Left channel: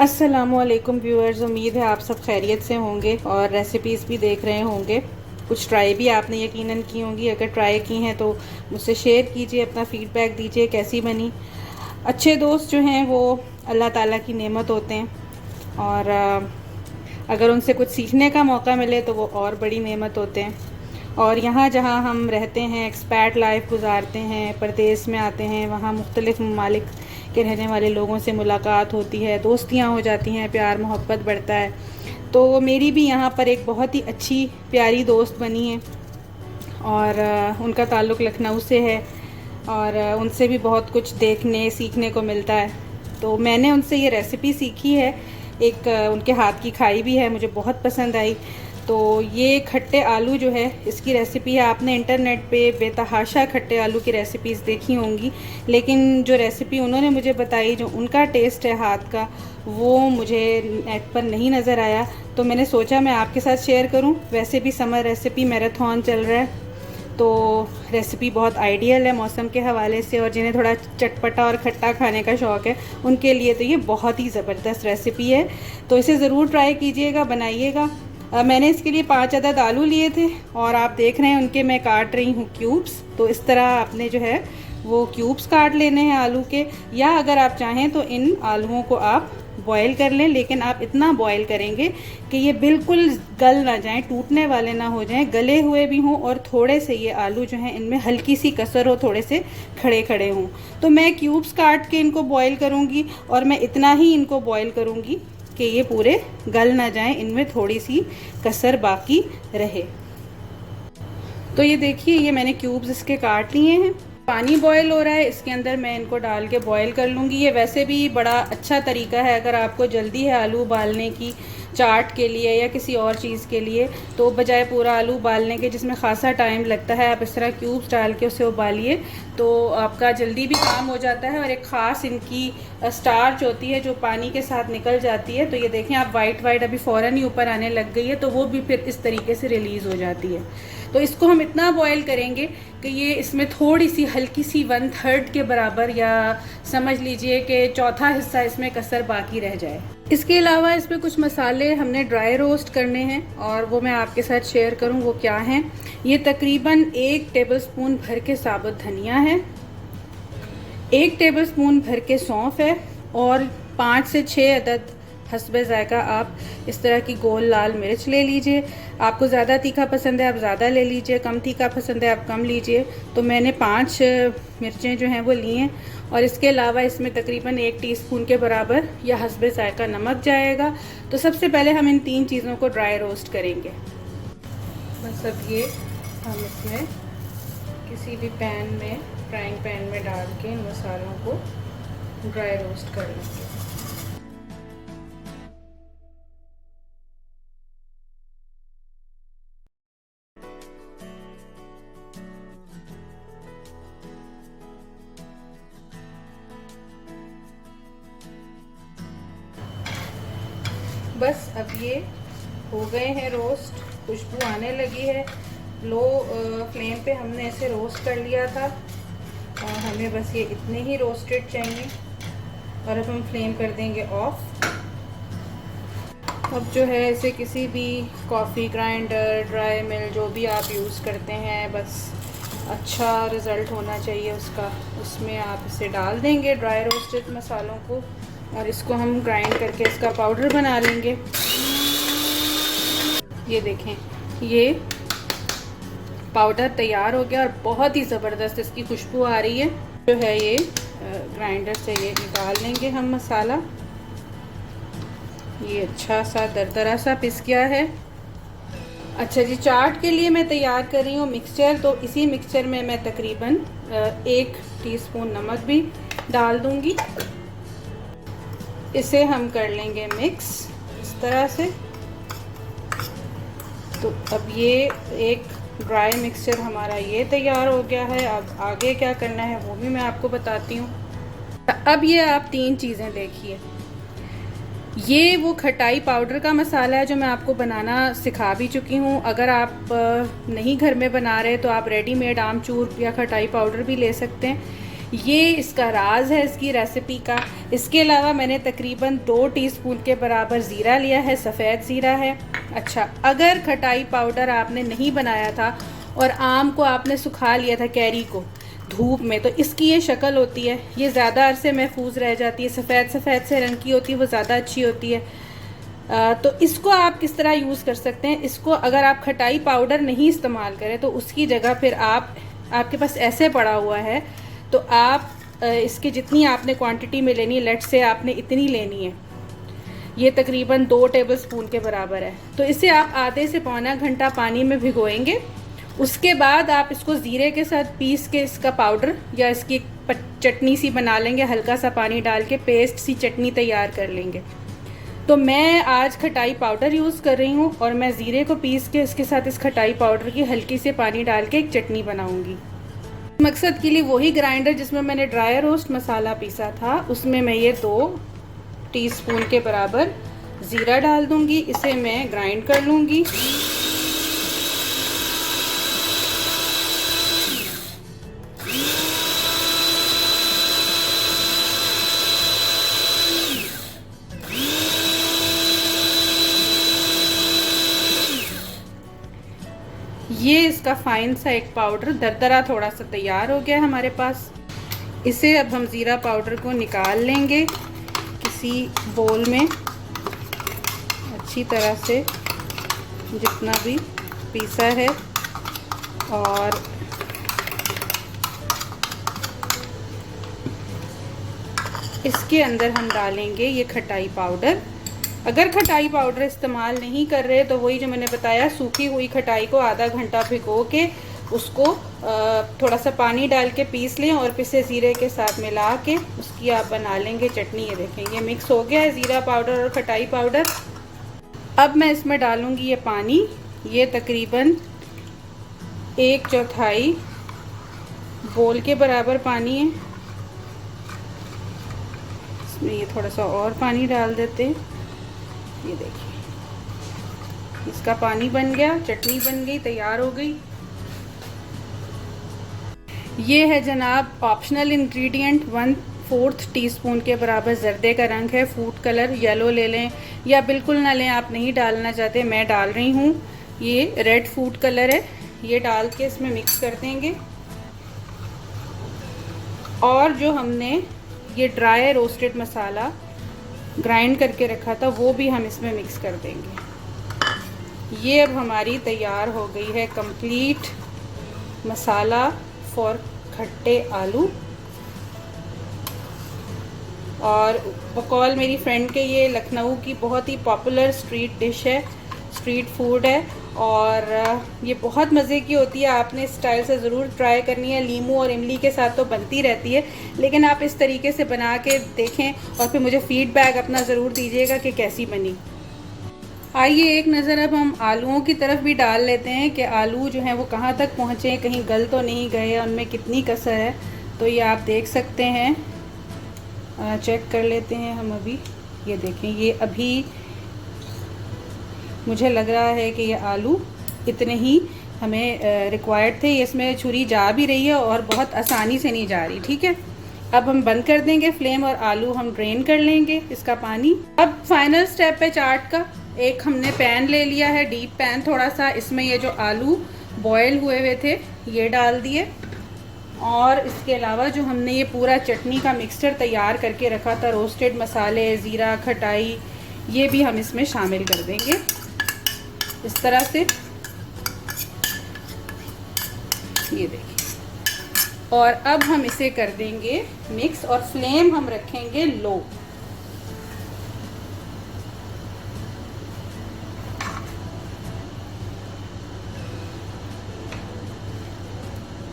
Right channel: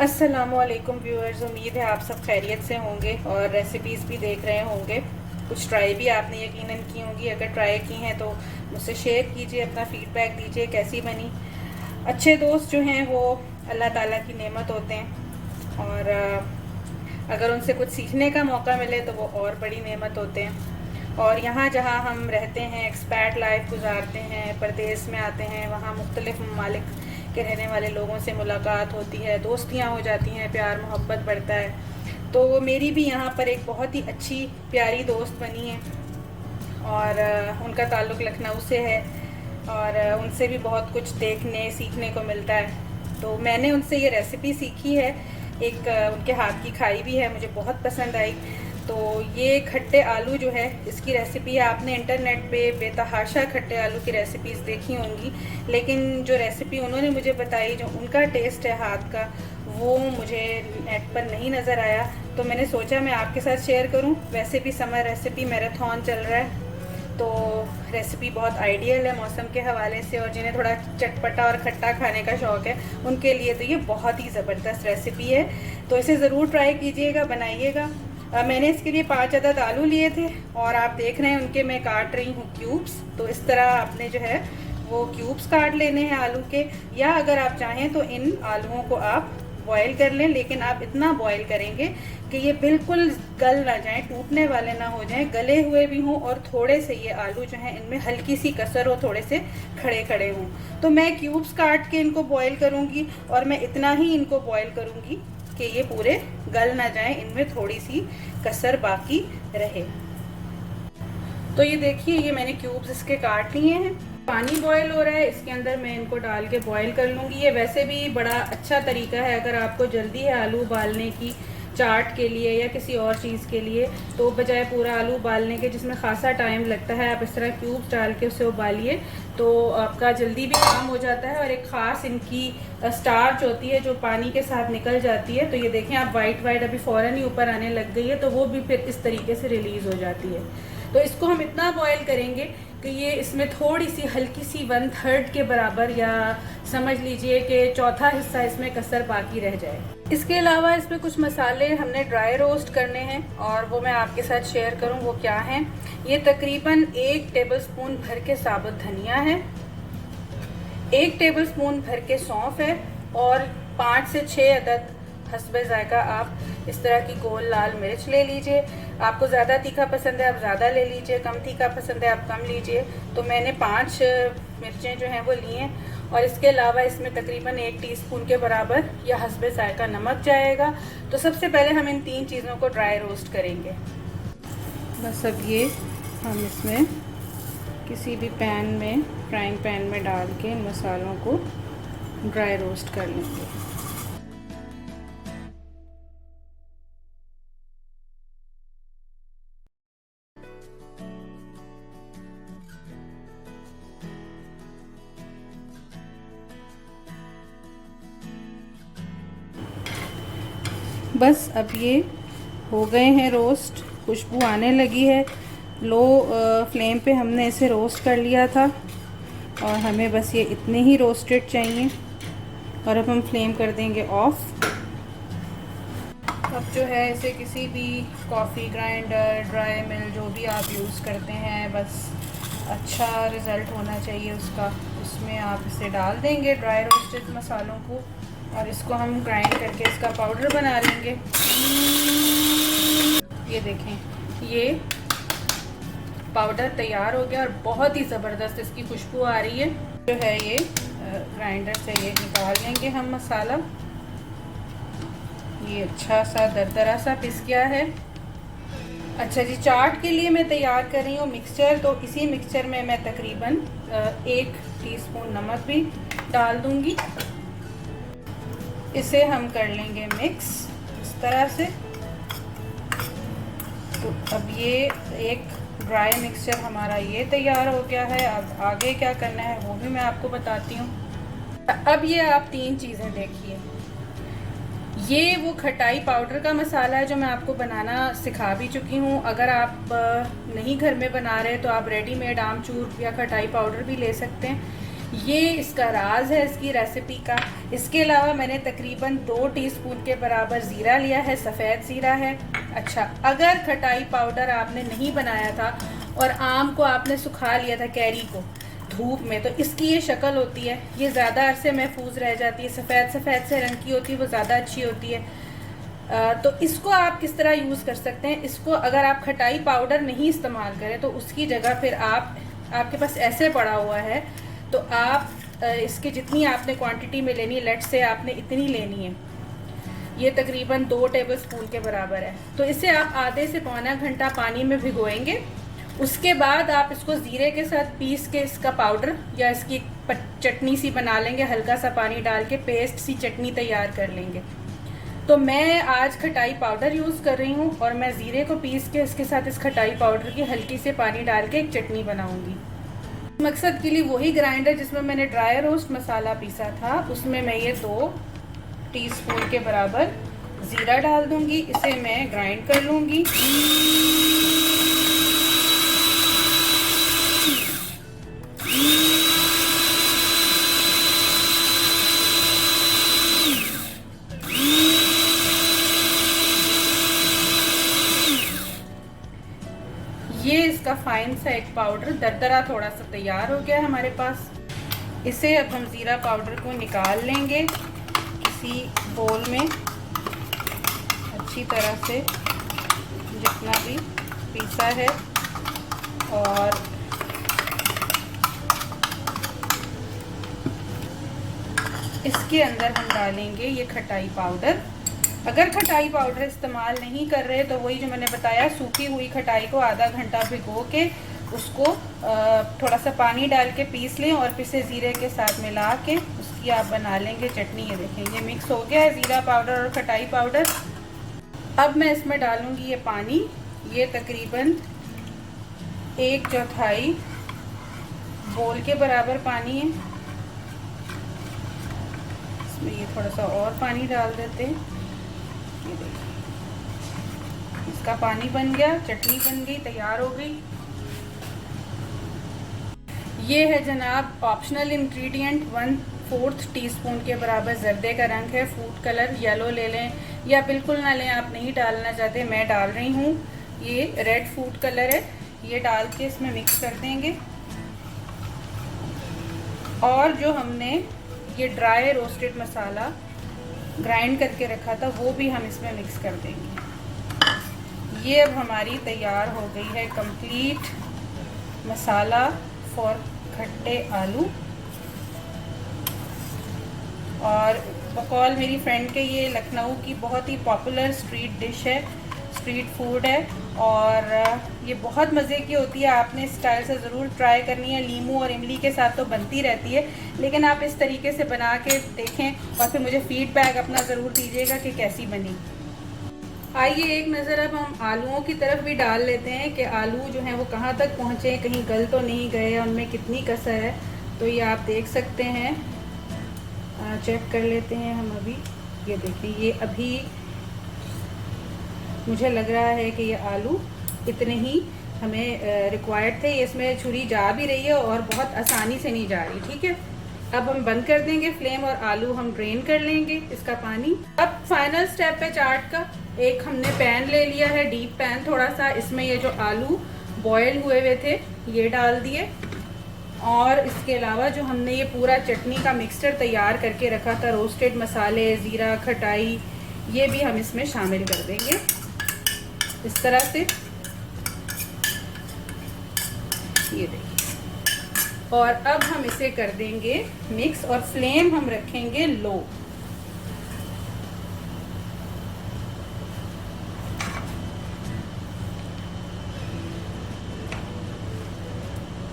अस्सलामुअलैकुम व्यूअर्स, उम्मीद है आप सब खैरियत से होंगे और रेसिपीज़ भी देख रहे होंगे। कुछ ट्राई भी आपने यकीनन की होंगी। अगर ट्राई की हैं तो मुझसे शेयर कीजिए, अपना फ़ीडबैक दीजिए कैसी बनी। अच्छे दोस्त जो हैं वो अल्लाह ताला की नेमत होते हैं और अगर उनसे कुछ सीखने का मौका मिले तो वो और बड़ी नेमत होते हैं। और यहाँ जहाँ हम रहते हैं, एक्सपैट लाइफ गुजारते हैं, परदेस में आते हैं, वहाँ मुख्तलिफ़ ममालिक के रहने वाले लोगों से मुलाकात होती है, दोस्तियाँ हो जाती हैं, प्यार मोहब्बत बढ़ता है। तो मेरी भी यहाँ पर एक बहुत ही अच्छी प्यारी दोस्त बनी है और उनका ताल्लुक़ लखनऊ से है और उनसे भी बहुत कुछ देखने सीखने को मिलता है। तो मैंने उनसे ये रेसिपी सीखी है, एक उनके हाथ की खाई भी है, मुझे बहुत पसंद आई। तो ये खट्टे आलू जो है इसकी रेसिपी है। आपने इंटरनेट पे बेतहाशा खट्टे आलू की रेसिपीज़ देखी होंगी, लेकिन जो रेसिपी उन्होंने मुझे बताई, जो उनका टेस्ट है हाथ का, वो मुझे नेट पर नहीं नज़र आया। तो मैंने सोचा मैं आपके साथ शेयर करूं। वैसे भी समर रेसिपी मैराथन चल रहा है, तो रेसिपी बहुत आइडियल है मौसम के हवाले से, और जिन्हें थोड़ा चटपटा और खट्टा खाने का शौक़ है उनके लिए तो ये बहुत ही ज़बरदस्त रेसिपी है। तो इसे ज़रूर ट्राई कीजिएगा, बनाइएगा। मैंने इसके लिए 5 अदद आलू लिए थे और आप देख रहे हैं उनके मैं काट रही हूँ क्यूब्स। तो इस तरह आपने जो है वो क्यूब्स काट लेने हैं आलू के, या अगर आप चाहें तो इन आलूओं को आप बॉईल कर लें, लेकिन आप इतना बॉईल करेंगे कि ये बिल्कुल गल ना जाएं, टूटने वाले ना हो जाएं, गले हुए भी हों और थोड़े से ये आलू जो हैं इनमें हल्की सी कसर हो, थोड़े से खड़े खड़े हों। तो मैं क्यूब्स काट के इनको बॉईल करूँगी और मैं इतना ही इनको बॉईल करूँगी कि ये पूरे गल ना जाएं, इनमें थोड़ी सी कसर बाकी रहे। तो ये देखिए, ये मैंने क्यूब्स इसके काट लिए हैं। पानी बॉयल हो रहा है, इसके अंदर मैं इनको डाल के बॉयल कर लूँगी। ये वैसे भी बड़ा अच्छा तरीका है अगर आपको जल्दी है आलू उबालने की, चाट के लिए या किसी और चीज़ के लिए, तो बजाय पूरा आलू उबालने के जिसमें खासा टाइम लगता है, आप इस तरह क्यूब्स डाल के उसे उबालिए तो आपका जल्दी भी काम हो जाता है। और एक ख़ास इनकी स्टार्च होती है जो पानी के साथ निकल जाती है। तो ये देखें आप, वाइट वाइट अभी फ़ौरन ही ऊपर आने लग गई है, तो वो भी फिर इस तरीके से रिलीज़ हो जाती है। तो इसको हम इतना बॉयल करेंगे कि ये इसमें थोड़ी सी हल्की सी 1/3 के बराबर, या समझ लीजिए कि चौथा हिस्सा इसमें कसर बाकी रह जाए। इसके अलावा इसमें कुछ मसाले हमने ड्राई रोस्ट करने हैं और वो मैं आपके साथ शेयर करूँ वो क्या हैं। ये तकरीबन 1 टेबलस्पून भर के साबुत धनिया है, 1 टेबलस्पून भर के सौंफ है और 5 से 6 अदद हस्बे जायका आप इस तरह की गोल लाल मिर्च ले लीजिए। आपको ज़्यादा तीखा पसंद है आप ज़्यादा ले लीजिए, कम तीखा पसंद है आप कम लीजिए। तो मैंने 5 मिर्चें जो हैं वो ली हैं। और इसके अलावा इसमें तकरीबन 1 टीस्पून के बराबर या हस्बे जायका नमक जाएगा। तो सबसे पहले हम इन 3 चीज़ों को ड्राई रोस्ट करेंगे। बस अब ये हम इसमें किसी भी पैन में, फ्राइंग पैन में डाल के इन मसालों को ड्राई रोस्ट कर लेंगे। बस अब ये हो गए हैं रोस्ट, खुशबू आने लगी है। लो फ्लेम पे हमने इसे रोस्ट कर लिया था और हमें बस ये इतने ही रोस्टेड चाहिए। और अब हम फ्लेम कर देंगे ऑफ। अब जो है इसे किसी भी कॉफ़ी ग्राइंडर, ड्राई मिल, जो भी आप यूज़ करते हैं, बस अच्छा रिज़ल्ट होना चाहिए उसका, उसमें आप इसे डाल देंगे ड्राई रोस्टेड मसालों को और इसको हम ग्राइंड करके इसका पाउडर बना लेंगे। ये देखें, ये पाउडर तैयार हो गया और बहुत ही ज़बरदस्त इसकी खुशबू आ रही है। जो है ये ग्राइंडर से ये निकाल लेंगे हम मसाला। ये अच्छा सा दरदरा सा पिस गया है। अच्छा जी, चाट के लिए मैं तैयार कर रही हूँ मिक्सचर। तो इसी मिक्सचर में मैं तकरीबन 1 टीस्पून नमक भी डाल दूंगी। इसे हम कर लेंगे मिक्स इस तरह से। तो अब ये एक ड्राई मिक्सचर हमारा ये तैयार हो गया है। अब आगे क्या करना है वो भी मैं आपको बताती हूँ। अब ये आप 3 चीज़ें देखिए। ये वो खटाई पाउडर का मसाला है जो मैं आपको बनाना सिखा भी चुकी हूँ। अगर आप नहीं घर में बना रहे तो आप रेडीमेड आमचूर या खटाई पाउडर भी ले सकते हैं। ये इसका राज है इसकी रेसिपी का। इसके अलावा मैंने तकरीबन 2 टीस्पून के बराबर ज़ीरा लिया है, सफ़ेद ज़ीरा है। अच्छा, अगर खटाई पाउडर आपने नहीं बनाया था और आम को आपने सुखा लिया था, कैरी को, धूप में, तो इसकी ये शक्ल होती है। ये ज़्यादा अरसे महफूज रह जाती है, सफ़ेद सफ़ेद से रंग की होती है, वो ज़्यादा अच्छी होती है। तो इसको आप किस तरह यूज़ कर सकते हैं, इसको अगर आप खटाई पाउडर नहीं इस्तेमाल करें तो उसकी जगह फिर आपके पास ऐसे पड़ा हुआ है, तो आप इसकी जितनी आपने क्वांटिटी में लेनी है, लेट से आपने इतनी लेनी है, ये तकरीबन 2 टेबलस्पून के बराबर है, तो इसे आप आधे से पौना घंटा पानी में भिगोएंगे। उसके बाद आप इसको ज़ीरे के साथ पीस के इसका पाउडर या इसकी चटनी सी बना लेंगे, हल्का सा पानी डाल के पेस्ट सी चटनी तैयार कर लेंगे। तो मैं आज खटाई पाउडर यूज़ कर रही हूँ और मैं ज़ीरे को पीस के इसके साथ इस खटाई पाउडर की हल्की से पानी डाल के एक चटनी बनाऊंगी। मकसद के लिए वही ग्राइंडर जिसमें मैंने ड्राई रोस्ट मसाला पीसा था, उसमें मैं ये 2 टीस्पून के बराबर ज़ीरा डाल दूंगी। इसे मैं ग्राइंड कर लूँगी। ये इसका फाइन सा एक पाउडर दरदरा थोड़ा सा तैयार हो गया है हमारे पास। इसे अब हम ज़ीरा पाउडर को निकाल लेंगे किसी बोल में, अच्छी तरह से जितना भी पीसा है, और इसके अंदर हम डालेंगे ये खटाई पाउडर। अगर खटाई पाउडर इस्तेमाल नहीं कर रहे तो वही जो मैंने बताया, सूखी हुई खटाई को आधा घंटा भिगो के उसको थोड़ा सा पानी डाल के पीस लें और पिसे ज़ीरे के साथ मिला के उसकी आप बना लेंगे चटनी। ये देखें, ये मिक्स हो गया है ज़ीरा पाउडर और खटाई पाउडर। अब मैं इसमें डालूंगी ये पानी, ये तकरीबन 1/4 बोल के बराबर पानी है। इसमें ये थोड़ा सा और पानी डाल देते हैं। ये देखिए, इसका पानी बन गया, चटनी बन गई, तैयार हो गई। ये है जनाब ऑप्शनल इंग्रेडिएंट, 1/4 टीस्पून के बराबर जर्दे का रंग है, फूड कलर। येलो ले लें या बिल्कुल ना लें, आप नहीं डालना चाहते, मैं डाल रही हूँ। ये रेड फूड कलर है, ये डाल के इसमें मिक्स कर देंगे। और जो हमने ये ड्राई रोस्टेड मसाला ग्राइंड करके रखा था वो भी हम इसमें मिक्स कर देंगे। ये अब हमारी तैयार हो गई है कंप्लीट मसाला फॉर खट्टे आलू। और बकौल मेरी फ्रेंड के ये लखनऊ की बहुत ही पॉपुलर स्ट्रीट डिश है, स्ट्रीट फूड है, और ये बहुत मज़े की होती है। आपने इस स्टाइल से ज़रूर ट्राई करनी है। लीमू और इमली के साथ तो बनती रहती है, लेकिन आप इस तरीके से बना के देखें और फिर मुझे फीडबैक अपना ज़रूर दीजिएगा कि कैसी बनी। आइए एक नज़र अब हम आलूओं की तरफ भी डाल लेते हैं कि आलू जो हैं वो कहाँ तक पहुँचे, कहीं गल तो नहीं गए, उनमें कितनी कसर है। तो ये आप देख सकते हैं, चेक कर लेते हैं हम अभी। ये देखें, ये अभी मुझे लग रहा है कि ये आलू इतने ही हमें रिक्वायर्ड थे। ये इसमें छुरी जा भी रही है और बहुत आसानी से नहीं जा रही। ठीक है, अब हम बंद कर देंगे फ्लेम और आलू हम ड्रेन कर लेंगे इसका पानी। अब फाइनल स्टेप है चाट का। एक हमने पैन ले लिया है, डीप पैन थोड़ा सा, इसमें ये जो आलू बॉयल हुए हुए थे ये डाल दिए, और इसके अलावा जो हमने ये पूरा चटनी का मिक्सचर तैयार करके रखा था, रोस्टेड मसाले, ज़ीरा, खटाई, ये भी हम इसमें शामिल कर देंगे इस तरह से। ये देखिए, और अब हम इसे कर देंगे मिक्स और फ्लेम हम रखेंगे लो।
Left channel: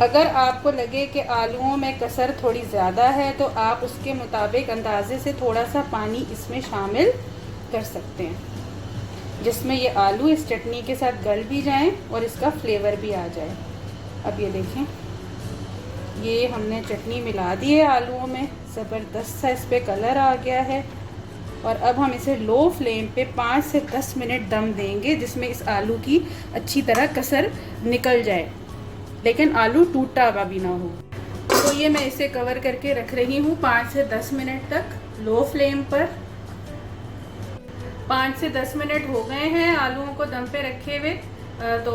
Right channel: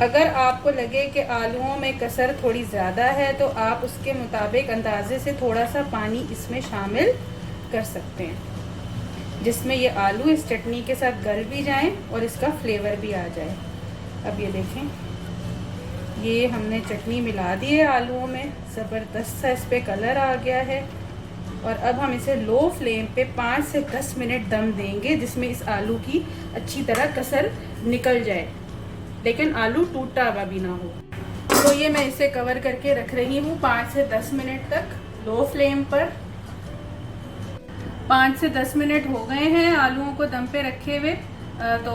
अगर आपको लगे कि आलूओं में कसर थोड़ी ज़्यादा है तो आप उसके मुताबिक अंदाजे से थोड़ा सा पानी इसमें शामिल कर सकते हैं, जिसमें ये आलू इस चटनी के साथ गल भी जाएं और इसका फ्लेवर भी आ जाए। अब ये देखें, ये हमने चटनी मिला दी है आलूओं में, ज़बरदस्त सा इस पर कलर आ गया है। और अब हम इसे लो फ्लेम पे 5 से 10 मिनट दम देंगे, जिसमें इस आलू की अच्छी तरह कसर निकल जाए, लेकिन आलू टूटा हुआ भी ना हो। तो ये मैं इसे कवर करके रख रही हूँ 5 से 10 मिनट तक लो फ्लेम पर। 5 से 10 मिनट हो गए हैं आलूओं को दम पे रखे हुए। तो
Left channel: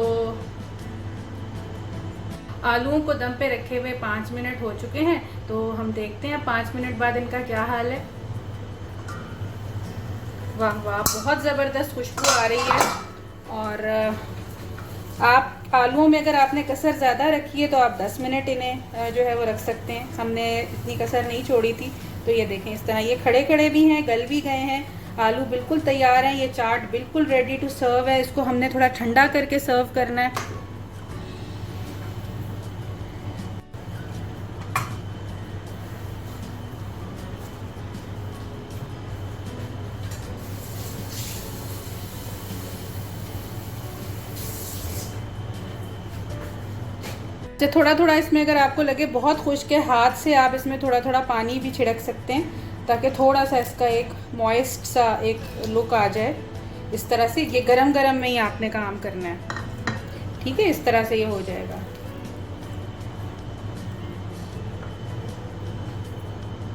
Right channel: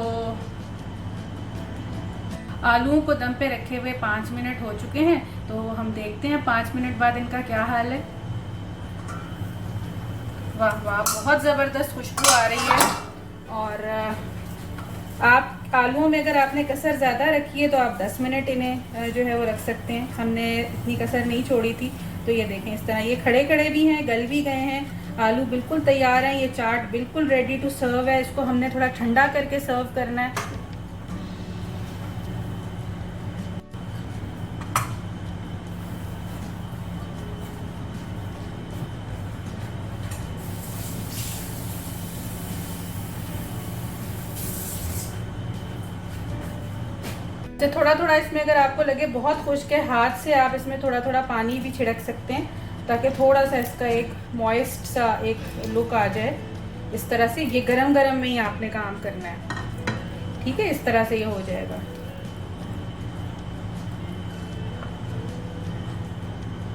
आलूओं को दम पे रखे हुए 5 मिनट हो चुके हैं। तो हम देखते हैं 5 मिनट बाद इनका क्या हाल है। वाह वाह, बहुत ज़बरदस्त खुशबू आ रही है। और आप आलूओं में अगर आपने कसर ज़्यादा रखी है तो आप 10 मिनट इन्हें जो है वो रख सकते हैं। हमने इतनी कसर नहीं छोड़ी थी। तो ये देखें, इस तरह ये खड़े खड़े भी हैं, गल भी गए हैं, आलू बिल्कुल तैयार हैं। ये चाट बिल्कुल रेडी टू सर्व है। इसको हमने थोड़ा ठंडा करके सर्व करना है। तो थोड़ा थोड़ा इसमें अगर आपको लगे बहुत खुश्क है, हाथ से आप इसमें थोड़ा थोड़ा पानी भी छिड़क सकते हैं ताकि थोड़ा सा इसका एक मॉइस्ट सा एक लुक आ जाए। इस तरह से ये गरम गरम में ही आपने काम करना है, ठीक है। इस तरह से ये हो जाएगा।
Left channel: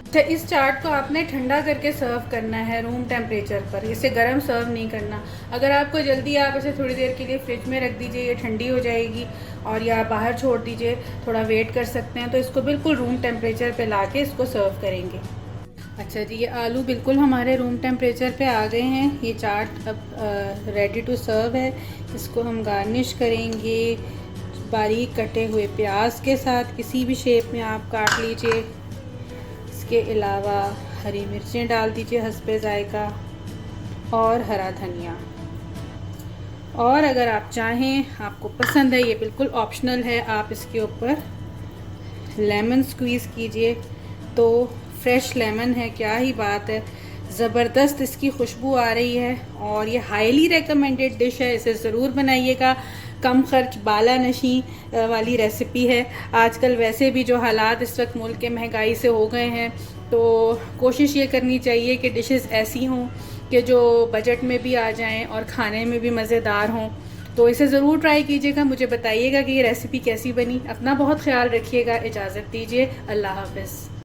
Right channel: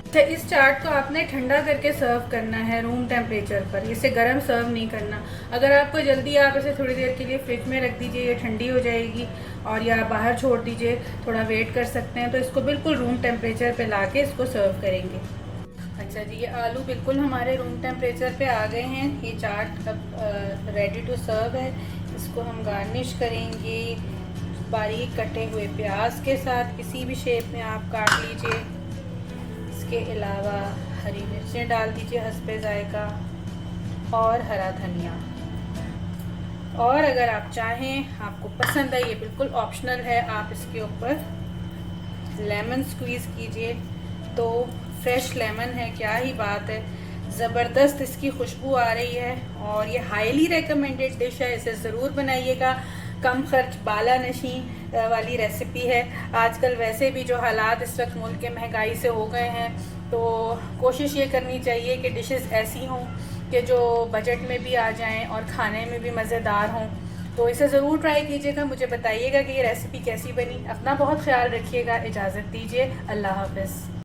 अच्छा, इस चाट को आपने ठंडा करके सर्व करना है रूम टेम्परेचर पर, इसे गर्म सर्व नहीं करना। अगर आपको जल्दी, आप इसे थोड़ी देर के लिए फ्रिज में रख दीजिए, ये ठंडी हो जाएगी, और या बाहर छोड़ दीजिए, थोड़ा वेट कर सकते हैं। तो इसको बिल्कुल रूम टेम्परेचर पे लाके इसको सर्व करेंगे। अच्छा जी, ये आलू बिल्कुल हमारे रूम टेम्परेचर पे आ गए हैं। ये चाट अब रेडी टू सर्व है। इसको हम गार्निश करेंगे बारीक कटे हुए प्याज के साथ, किसी भी शेप में आप काट लीजिए। इसके अलावा हरी मिर्चें डाल दीजिए हस्बे जायका, और हरा धनिया। और अगर आप चाहें, आपको पसंद है, ये बिल्कुल ऑप्शनल है, आप इसके ऊपर लेमन स्क्वीज़ कीजिए। तो फ्रेश लेमन है, क्या ही बात है, ज़बरदस्त इसकी खुशबू आ रही है। और ये हाईली रेकमेंडेड डिश है, इसे ज़रूर बनाइएगा। कम खर्च बाला नशी वाली रेसिपी है। आजकल वैसे भी जो हालात इस वक्त मुल्क के महंगाई से हो गए हैं, तो कोशिश ये करनी चाहिए कि डिशेस ऐसी हों कि जो बजट में भी आ जाएं और खाने में भी मज़ेदार हों। तो इसे ज़रूर ट्राई कीजिएगा, मुझे बताइएगा कि ये रेसिपी कैसी बनी। अपना बहुत ख्याल रखिएगा, इजाज़त दीजिए, अल्लाह हाफ़िज़।